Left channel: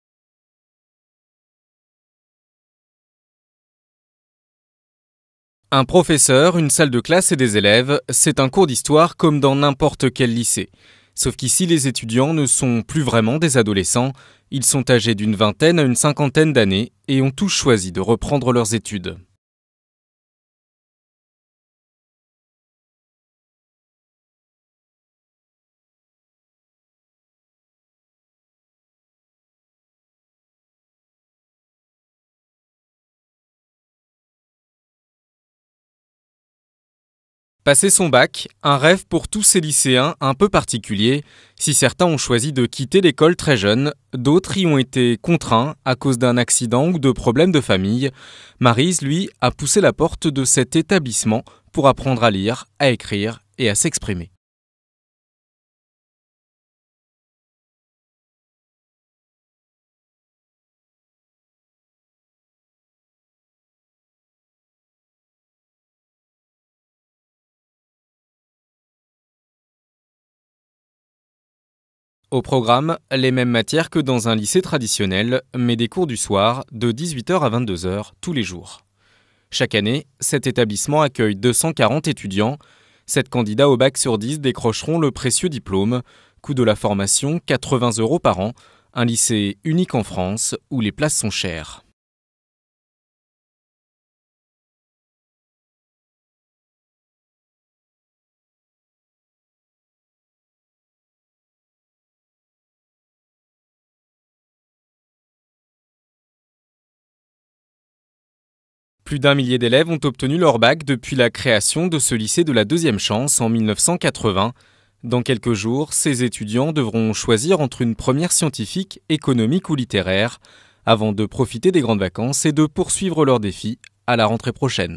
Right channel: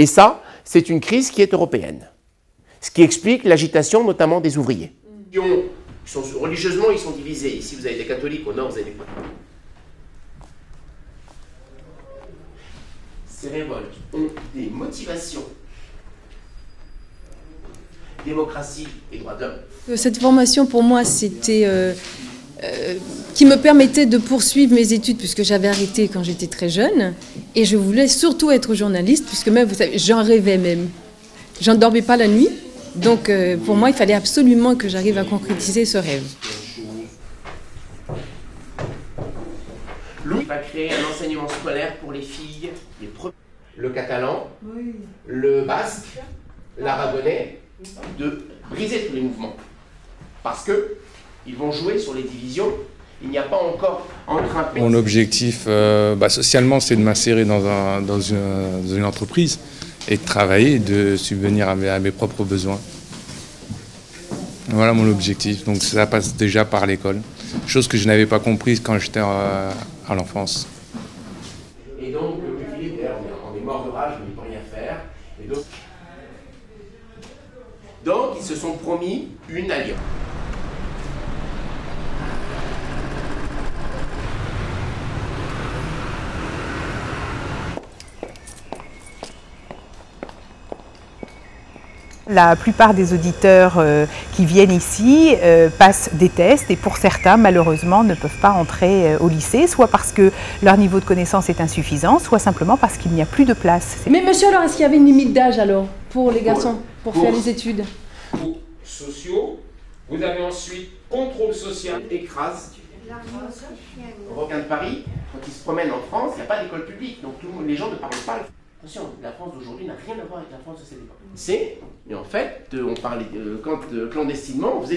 Et ça, c'est une crise qui est européenne. Ce qui explique l'agitation notamment des ouvriers. Un professeur, une salle de classe et des élèves, c'est un cours d'histoire comme dans n'importe quel lycée. Sauf qu'ici, les étudiants ne sont plus vraiment des adolescents. Ils sont âgés d'une vingtaine à une cinquantaine d'années et ont tous choisi de reprendre leurs études. Cette formation, pour moi, c'était qui me permettait de poursuivre mes études puisque j'avais arrêté quand j'étais très jeune. Et je voulais surtout être journaliste puisque même, vous savez, j'en rêvais même. J'en dormais pas la nuit. Donc pour moi, il fallait absolument que j'arrive à concrétiser ce rêve. Passer son bac, un rêve pour tous ces lycéens un peu particulier. Si certains ont choisi de quitter l'école très jeunes, d'autres y ont été contraints à cause d'un accident ou de problèmes de famille. Maryse, lui, a poussé la porte de cet établissement pour apprendre à lire, à écrire et à s'exprimer. Mon objectif socialement, c'est de m'insérer dans une entreprise et de travailler et de subvenir à mes propres besoins. Voilà mon objectif, donc ça passe déjà par l'école, chose que je n'avais pas comprise quand j'étais à l'enfance. Au programme, les mêmes matières que dans un lycée traditionnel, mais des cours du soir de 18h à 22h tous les jours. Chaque année, cet établissement accueille 240 étudiants. 7 candidats au bac sur 10 décrocheront le précieux diplôme. Coût de la formation, 80 € par an. Un lycée unique en France où les places sont chères. La plupart des auditeurs qui viennent ici passent des tests et pour certains, malheureusement, ne peuvent pas entrer au lycée, soit parce que leur niveau de connaissance est insuffisant, soit simplement parce qu'il n'y a plus de place. Mais monsieur, alors, est-ce qu'il y avait une limite d'âge alors pour les garçons, pour faire les études? Plus d'1 millier d'élèves ont obtenu leur bac depuis la création de ce lycée de la deuxième chance en 1980. Dans quelques jours, ces étudiants devront choisir entre une première scientifique, économique ou littéraire, avant de profiter des grandes vacances et de poursuivre leurs défis à la rentrée prochaine.